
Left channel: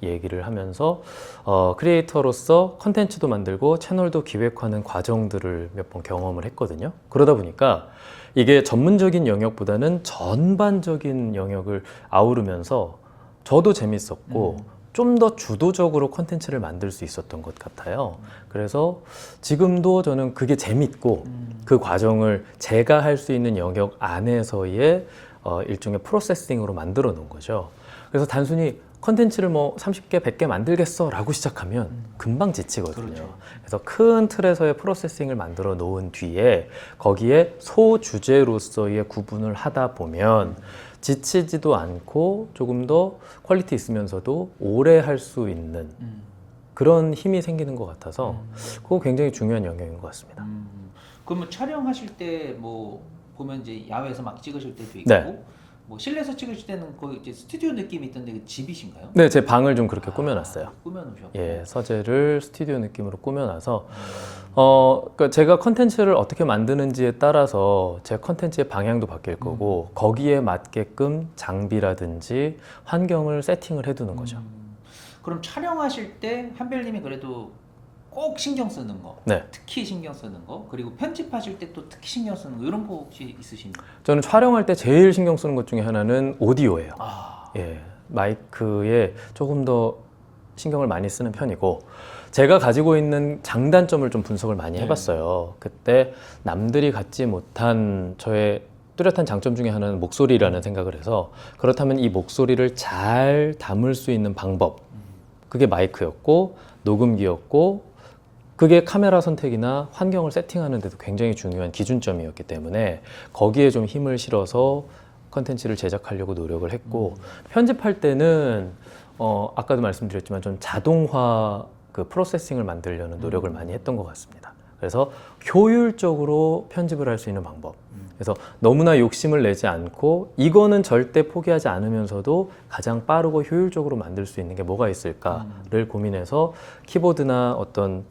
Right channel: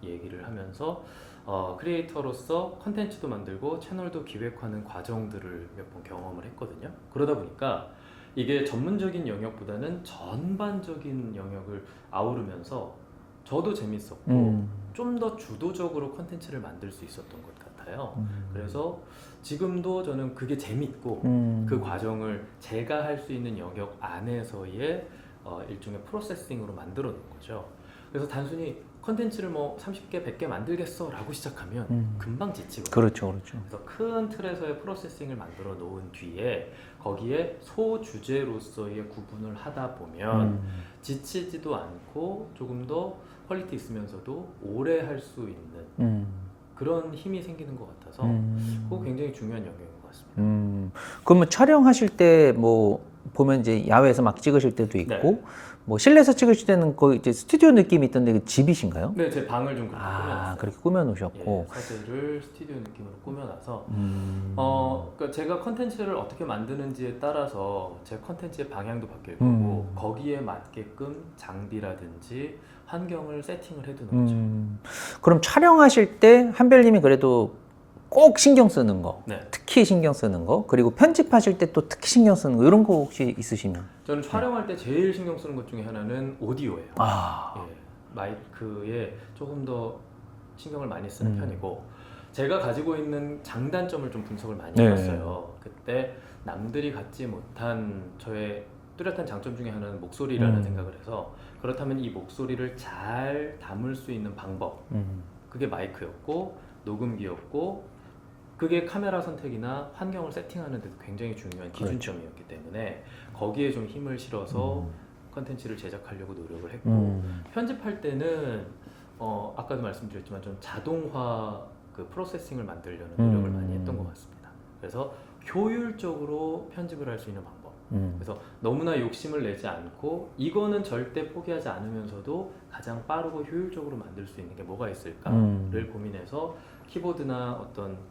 Speaker 1: 얘기를 하면서 어, 크리에이터로서 컨텐츠도 만들고 채널도 기획하는 과정들을 몇 번 경험을 했거든요. 그러다 보니까 이게 전문적인 영역보다는 전반적인 영역을 아우르면서 저도 재밌었고
Speaker 2: 음.
Speaker 1: 좀더 주도적으로 컨텐츠를 만들 수 있었던 것 같아요. 그래서 지금도 저는 그게 재밌고
Speaker 2: 음.
Speaker 1: 그 과정을 제가 할 수 있는 영역 안에서의 어, 일종의 프로세싱으로 만들어 놓은 거죠. 그래서 단순히 컨텐츠를 뭐 30개, 100개 만들겠어라고 시작하면
Speaker 2: 음.
Speaker 1: 금방 지치거든요.
Speaker 2: 그렇죠, 그렇죠.
Speaker 1: 그래서 큰 틀에서의 프로세싱을 만들어 놓은 뒤에 거기에 소주제로서의 구분을 하다 보면
Speaker 2: 음.
Speaker 1: 지치지도 않고 조금 더 퀄리티 있으면서도 오래 할 수 있는
Speaker 2: 음.
Speaker 1: 그런 힘이 생기는 것 같아서
Speaker 2: 음.
Speaker 1: 그거 굉장히 중요한 영역인 것 같습니다.
Speaker 2: 음. 그러면 촬영하실 때 뭐 보면 이제 야외에서 막 찍으실 때도 있고
Speaker 1: 네.
Speaker 2: 뭐 실내에서 찍으실 때는 거의 이제 스튜디오 느낌이 있던데 그 집이신가요?
Speaker 1: 네, 제 방을 좀 그렇게
Speaker 2: 아,
Speaker 1: 꾸며놨어요.
Speaker 2: 그렇게 꾸며놓으셨고.
Speaker 1: 예, 서재를 스튜디오 느낌으로 꾸며놔서
Speaker 2: 음.
Speaker 1: 어, 그러니까 제가 컨텐츠를 어떻게 만드는지에 따라서 제 컨텐츠의 방향도 바뀔 거고
Speaker 2: 음.
Speaker 1: 거기에 맞게끔 장비라든지 환경을 세팅을 해두는 거죠.
Speaker 2: 음, 그럼 촬영하실 때 한별님이 그래도 꼭 신경 쓰는 거,
Speaker 1: 네,
Speaker 2: 특히 신경 쓰는 거, 그리고 편집하실 때 또 특히 신경 쓰는 거 이런 거 혹시 있으시면?
Speaker 1: 저는 촬영할 때 제일 신경 쓰는 것 중에 하나는 오디오예요.
Speaker 2: 아,
Speaker 1: 예, 마이크에 조금 더 신경을 많이
Speaker 2: 음.
Speaker 1: 쓰는 편이고 제가 가지고 있는 장단점을 좀 분석을 많이
Speaker 2: 네.
Speaker 1: 해봤어요. 그때 남들이 갖지 못한 저의 뚜렷한 장점 중에 하나는 목소리라는
Speaker 2: 음.
Speaker 1: 생각을 해서 그렇다면 이 목소리를 잘 담을 수 있는 방법
Speaker 2: 음.
Speaker 1: 그게 마이크였고 녹음기였고 그게 카메라 선택이나 환경을 세팅하는 데도 굉장히 중요한 기준점이었기 때문에 거기에 좀 힘을 실어서 컨텐츠를 제작하려고 노력을 했고
Speaker 2: 음.
Speaker 1: 편집할 때는 어, 아까도 말씀드렸지만 좀 자동화 그 프로세싱을 만들려는 노력을
Speaker 2: 음.
Speaker 1: 많이 했던 것 같습니다. 그래서 효율적으로 편집을 할 수 있는 방법.
Speaker 2: 음.
Speaker 1: 그래서 너무나 욕심을 내지 않고 이거는 절대 포기하지 않으면서도 가장 빠르고 효율적으로 만들 수 있는 게 뭐가 있을까를
Speaker 2: 음.
Speaker 1: 고민해서 키보드나 어떤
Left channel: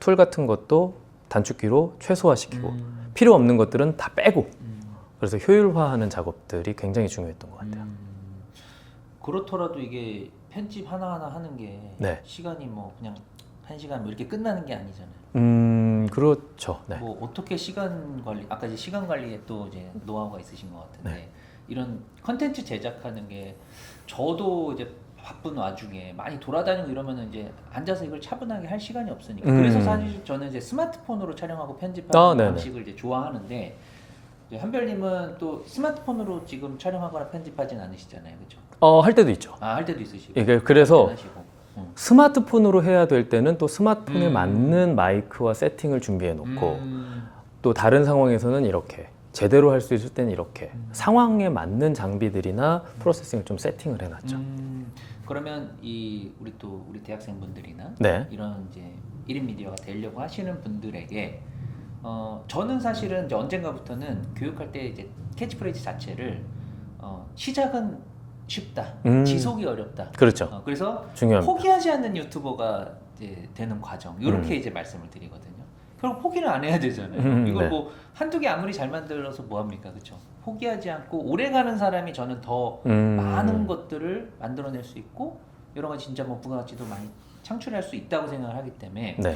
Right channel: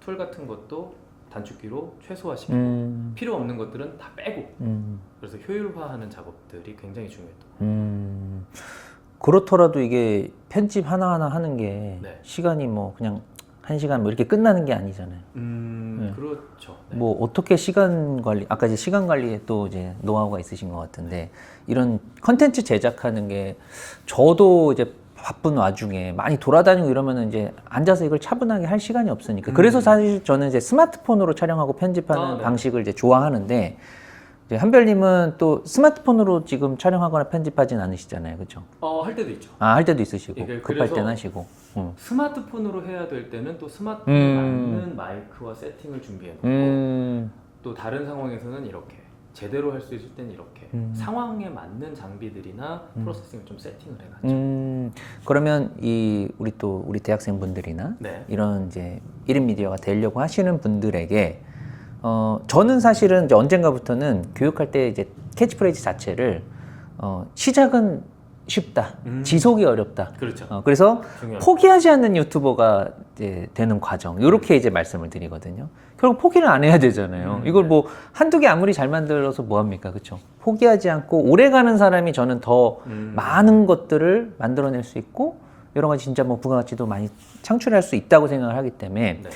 Speaker 1: 툴 같은 것도 단축키로 최소화시키고
Speaker 2: 음.
Speaker 1: 필요 없는 것들은 다 빼고
Speaker 2: 음.
Speaker 1: 그래서 효율화하는 작업들이 굉장히 중요했던 것 같아요.
Speaker 2: 음. 그렇더라도 이게 편집 하나하나 하는 게
Speaker 1: 네.
Speaker 2: 시간이 뭐 그냥 한 시간 뭐 이렇게 끝나는 게 아니잖아요.
Speaker 1: 음, 그렇죠. 네.
Speaker 2: 뭐 어떻게 시간 관리 아까 이제 시간 관리에 또 이제 노하우가 있으신 것 같은데
Speaker 1: 네.
Speaker 2: 이런 컨텐츠 제작하는 게 저도 이제 바쁜 와중에 많이 돌아다니고 이러면은 이제 앉아서 이걸 차분하게 할 시간이 없으니까 그래서
Speaker 1: 음.
Speaker 2: 사실 저는 이제 스마트폰으로 촬영하고 편집하는
Speaker 1: 아, 네네.
Speaker 2: 방식을 이제 좋아하는데 이제 한별님은 또 스마트폰으로 지금 촬영하거나 편집하진 않으시잖아요, 그렇죠?
Speaker 1: 어, 할 때도 있죠.
Speaker 2: 아 할 때도 있으시고
Speaker 1: 이게 그래서
Speaker 2: 할 때는 하시고 어.
Speaker 1: 스마트폰으로 해야 될 때는 또 스마트폰에
Speaker 2: 음.
Speaker 1: 맞는 마이크와 세팅을 준비해 놓고
Speaker 2: 음.
Speaker 1: 또 다른 상황에서는 이렇게 제대로 할 수 있을 때는 이렇게
Speaker 2: 음.
Speaker 1: 상황에 맞는 장비들이나 프로세싱을 좀 세팅을 해놨죠.
Speaker 2: 음, 그러면 이 우리 또 우리 대학생분들이나
Speaker 1: 네.
Speaker 2: 이런 이제 1인 미디어가 되려고 하시는 분들에게 어 저는 사실은 이제 언젠가부터는 교육할 때 이제 캐치프레이즈 자체를 어 시작은 쉽다,
Speaker 1: 음.
Speaker 2: 지속이 어렵다.
Speaker 1: 그렇죠.
Speaker 2: 어, 그래서
Speaker 1: 중요합니다.
Speaker 2: 포기하지 않는 유튜버가 이제 되는 과정 이렇게
Speaker 1: 음.
Speaker 2: 이제 말씀을 드리거든요. 결국 포기를 안 해야 되잖아요.
Speaker 1: 음,
Speaker 2: 이걸
Speaker 1: 네.
Speaker 2: 뭐 한두 개 아무리 잘 만들어서 뭐 합니까, 그렇죠? 포기하지 않고 오래 가는 사람이 저는 더
Speaker 1: 음.
Speaker 2: 많은 것들을 만들어낼 수 있고 여러 가지 진짜 뭐 부가가치도 많이 창출할 수 있다고 생각을 하기 때문에
Speaker 1: 네.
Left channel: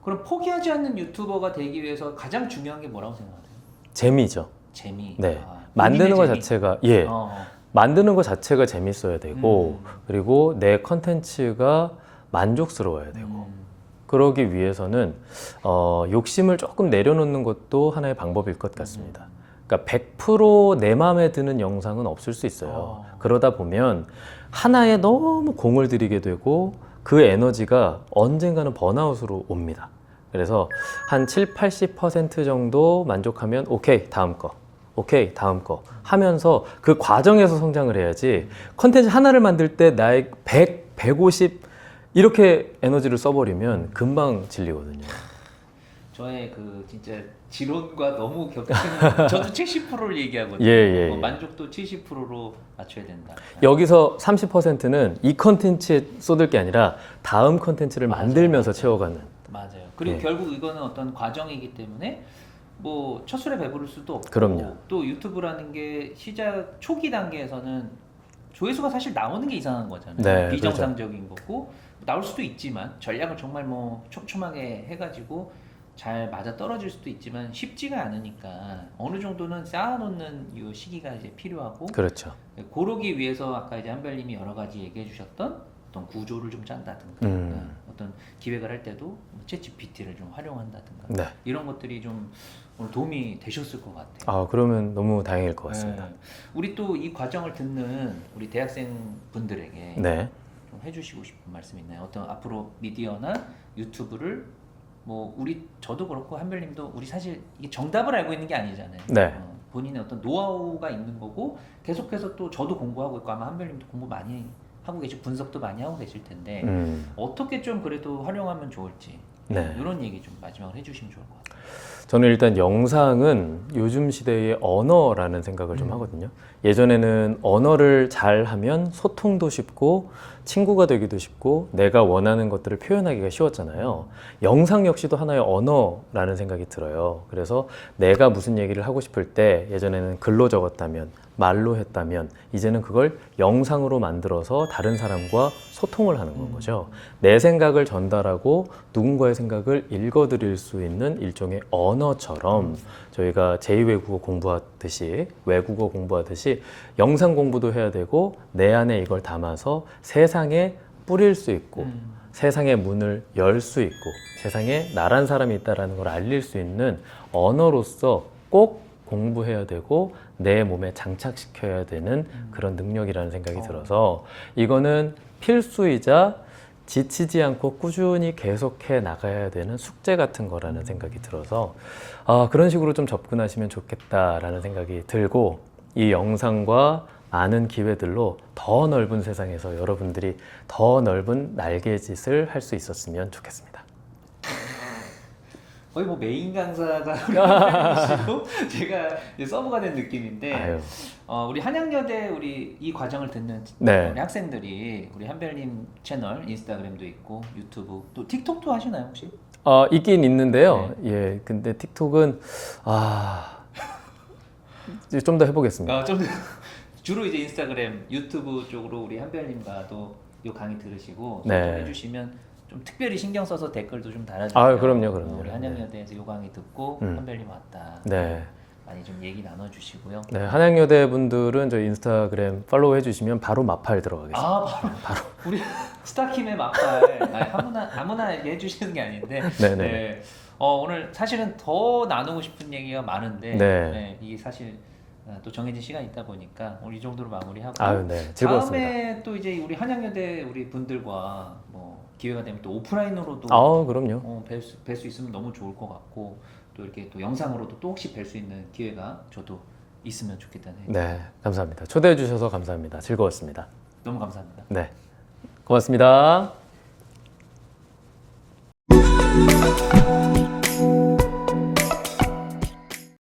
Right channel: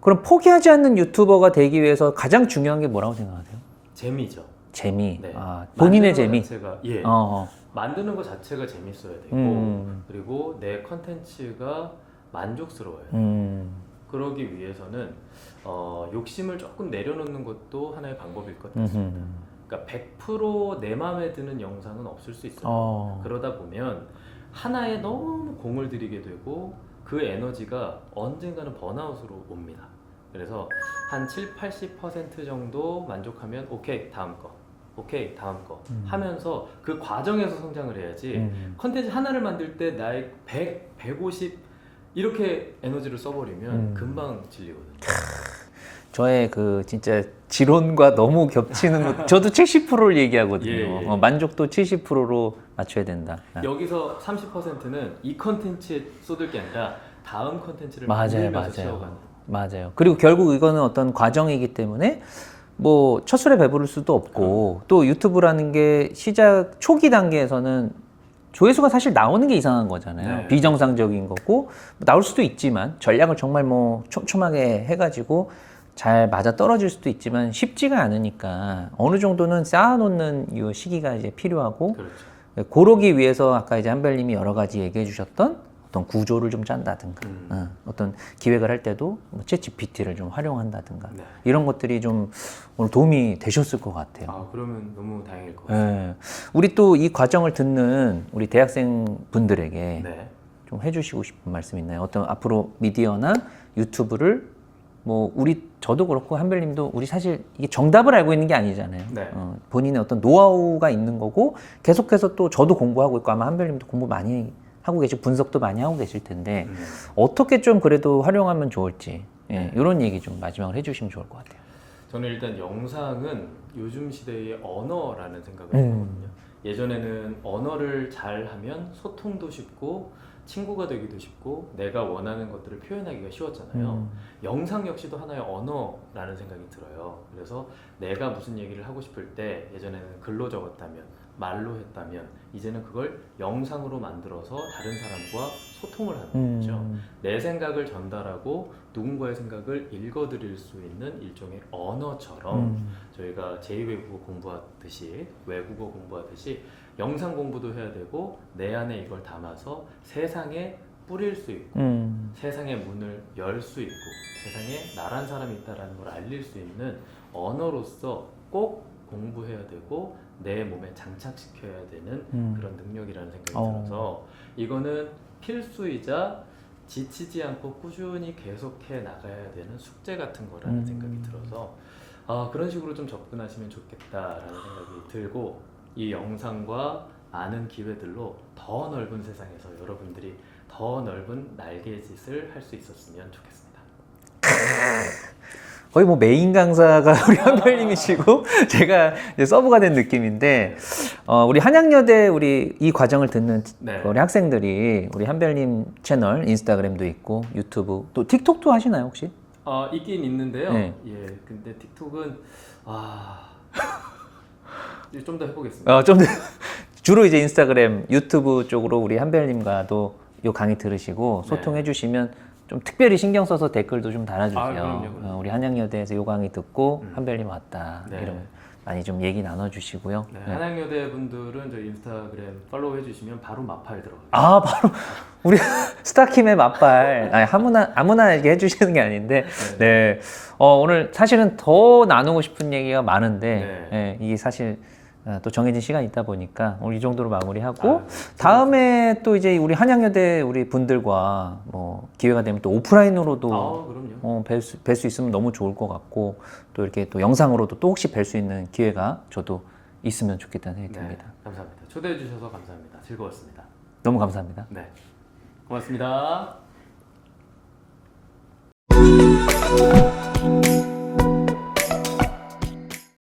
Speaker 2: 그럼 포기하지 않는 유튜버가 되기 위해서 가장 중요한 게 뭐라고 생각하세요?
Speaker 1: 재미죠.
Speaker 2: 재미.
Speaker 1: 네.
Speaker 2: 아,
Speaker 1: 만드는 것
Speaker 2: 재미.
Speaker 1: 자체가 예.
Speaker 2: 어, 어.
Speaker 1: 만드는 것 자체가 재밌어야 되고
Speaker 2: 음.
Speaker 1: 그리고 내 컨텐츠가 만족스러워야 돼요.
Speaker 2: 음.
Speaker 1: 그러기 위해서는 어, 욕심을 조금 내려놓는 것도 하나의 방법일 것 같습니다.
Speaker 2: 음흠.
Speaker 1: 그러니까 100%내 마음에 드는 영상은 없을 수 있어요.
Speaker 2: 어.
Speaker 1: 그러다 보면 하나에 너무 공을 들이게 되고 그 에너지가 언젠가는 번아웃으로 옵니다. 그래서 한 7, 80% 정도 만족하면 오케이 다음 거 오케이 다음 거 하면서 그 과정에서 성장을 해야지 컨텐츠 하나를 만들 때 나의 100, 150 이렇게 에너지를 써버리면 금방 질리거든요.
Speaker 2: 저의 그 진짜 지론과 너무 겹치는 거. 저도 70%를 얘기하거든요.
Speaker 1: 예, 예.
Speaker 2: 어, 만족도 70%로 맞춰야 된다.
Speaker 1: 여기서 30%는 이 컨텐츠에 쏟을 게 아니라 다음 컨텐츠를
Speaker 2: 맞아요,
Speaker 1: 만들면서
Speaker 2: 맞아요.
Speaker 1: 채워가는.
Speaker 2: 맞아요.
Speaker 1: 네.
Speaker 2: 그리고 결국 이거는 어떤 과정이기 때문에 뭐 첫 술에 배부를 수도 없고
Speaker 1: 그럼요.
Speaker 2: 또 유튜브라는 게 시작 초기 단계에서는 조회수가 사실 나오는 게 이상한 거잖아요.
Speaker 1: 네,
Speaker 2: 비정상적인 거고 나올 수도 있지만 전략을 정말 뭐 촘촘하게 해가지고 잘 맞아 떨어질 수도 있지만 쉽지가 않으니까 어느 정도는 쌓아놓는 이 시기가 이제 필요하고
Speaker 1: 그렇죠.
Speaker 2: 그러기 위해서 아까 이제 한별님이 여러 가지 얘기해 주셨던 어떤 구조를 좀 짠다든가
Speaker 1: 음.
Speaker 2: 어, 어떤 기획을 할 때도 뭐 챗GPT를 좀 활용한다든가
Speaker 1: 네.
Speaker 2: 이런 것들이 좀 오늘 도움이 되셨을 것 같아요.
Speaker 1: 아 그러면 너무 다행일 것 같습니다.
Speaker 2: 네. 우리 또 이 과정을 듣는 우리 대학생 분들에게
Speaker 1: 네.
Speaker 2: 좀 해주시고 싶은 말씀 있나요? 어떤 앞으로 미디어나 유튜브를 뭐 우리 저도 그렇고 한별님도 우리 사실 이게 정답을 알고 있는 게 아니잖아요.
Speaker 1: 네.
Speaker 2: 어, 본인의 어떤 노하우가 있는 거고 계속해서 또 저도 공부하고 있고 아마 한별님도 공부 많이 하고 계시고 분석도 많이 하고 계실 텐데
Speaker 1: 음.
Speaker 2: 어떻게 좀 그래도 활용하면 좋을지 예,
Speaker 1: 네.
Speaker 2: 이런 얘기 좀 마지막으로 해주시면 좋을 것 같아요.
Speaker 1: 저는 일단 영상은 요즘 시대의 언어라는 생각을 좀
Speaker 2: 음.
Speaker 1: 하거든요. 예전에는 언어를 잘 하면 소통도 쉽고 친구가 되기도 쉽고 내가 원하는 것들을 표현하기가 쉬웠잖아요. 영상 역시도 하나의 언어라는 생각이 들어요. 그래서 내가 무슨 얘기를 하고 싶을 때 예전에는 글로 적었다면 말로 했다면 이제는 그걸 영상으로 만들어서 다른 사람과 소통을 하는
Speaker 2: 음.
Speaker 1: 거죠. 내 생각을 전달하고 누군가의 생각을 읽어드릴 수 있는 일종의 언어처럼 저희가 제2외국어 공부하듯이 외국어 공부하듯이 영상 공부도 해야 되고 내 안에 이걸 담아서 세상에 뿌릴 수 있고
Speaker 2: 음.
Speaker 1: 세상의 문을 열 수 있고 세상에 나란 사람이 있다라는 걸 알릴 수 있는 언어로서 꼭 공부해야 되고 내 몸에 장착시켜야 되는 그런 능력이라는 생각이
Speaker 2: 어.
Speaker 1: 들어서 이거는 필수이자 지치지 않고 꾸준히 계속해 나가야 되는 숙제 같은 거라는 생각이 들어서 아, 그런 식으로 좀 접근하시면 좋겠다라는 생각이 들고 이 영상과 많은 기회들로 더 넓은 세상에서 여러분들이 더 넓은 날개짓을 할 수 있었으면 좋겠습니다.
Speaker 2: 거의 뭐 메인 강사가 우리 한별님이시고 제가 이제 서브가 된 느낌인데 어, 우리 한양여대 우리 이 과정을 듣는
Speaker 1: 네.
Speaker 2: 우리 학생들이 우리 한별님 채널 인스타그램도 있고 유튜브 또 틱톡도 하시나요 혹시?
Speaker 1: 어, 있긴 있는데요.
Speaker 2: 네.
Speaker 1: 예, 근데 틱톡은 아, 좀 더 해보겠습니다.
Speaker 2: 어, 좀 더- 주로 이제 인스타그램, 유튜브 쪽으로 우리 한별님과도 요 강의 들으시고
Speaker 1: 네.
Speaker 2: 소통해 주시면 좀 특별히 신경 써서 댓글도 좀 달아주세요.
Speaker 1: 아, 그럼요, 그럼요.
Speaker 2: 어, 우리 한양여대에서 요 강의 듣고
Speaker 1: 음.
Speaker 2: 한별님 왔다.
Speaker 1: 네.
Speaker 2: 많이 좀 얘기 나눠주시고요.
Speaker 1: 네, 한양여대 분들은 저희 인스타그램 팔로우 해주시면 바로 마팔 들어가겠습니다.
Speaker 2: 아 바로 우리 스타킴의 맛발 아니, 아무나 아무나 이렇게 해주시는 게 아닌데
Speaker 1: 네네.
Speaker 2: 네. 어, 오늘 사실은 더 나누고 싶은 얘기가 많은데
Speaker 1: 네.
Speaker 2: 네, 이게 사실 어, 또 정해진 시간이 있다 보니까 오늘 이 정도로 마무리하고
Speaker 1: 아유, 네.
Speaker 2: 다음에 또 이제 우리 한양여대 우리 분들과 뭐 기회가 되면 또 오프라인으로도
Speaker 1: 아, 그럼요.
Speaker 2: 어, 뵐수 뵐 수 있으면 너무 좋을 것 같고 또 이렇게 또 영상으로도 또 혹시 뵐 수 있는 기회가 저도 있으면 좋겠다는 생각이
Speaker 1: 네,
Speaker 2: 듭니다.
Speaker 1: 감사합니다. 초대해 주셔서 감사합니다. 즐거웠습니다.
Speaker 2: 너무 감사합니다.
Speaker 1: 네, 고맙습니다.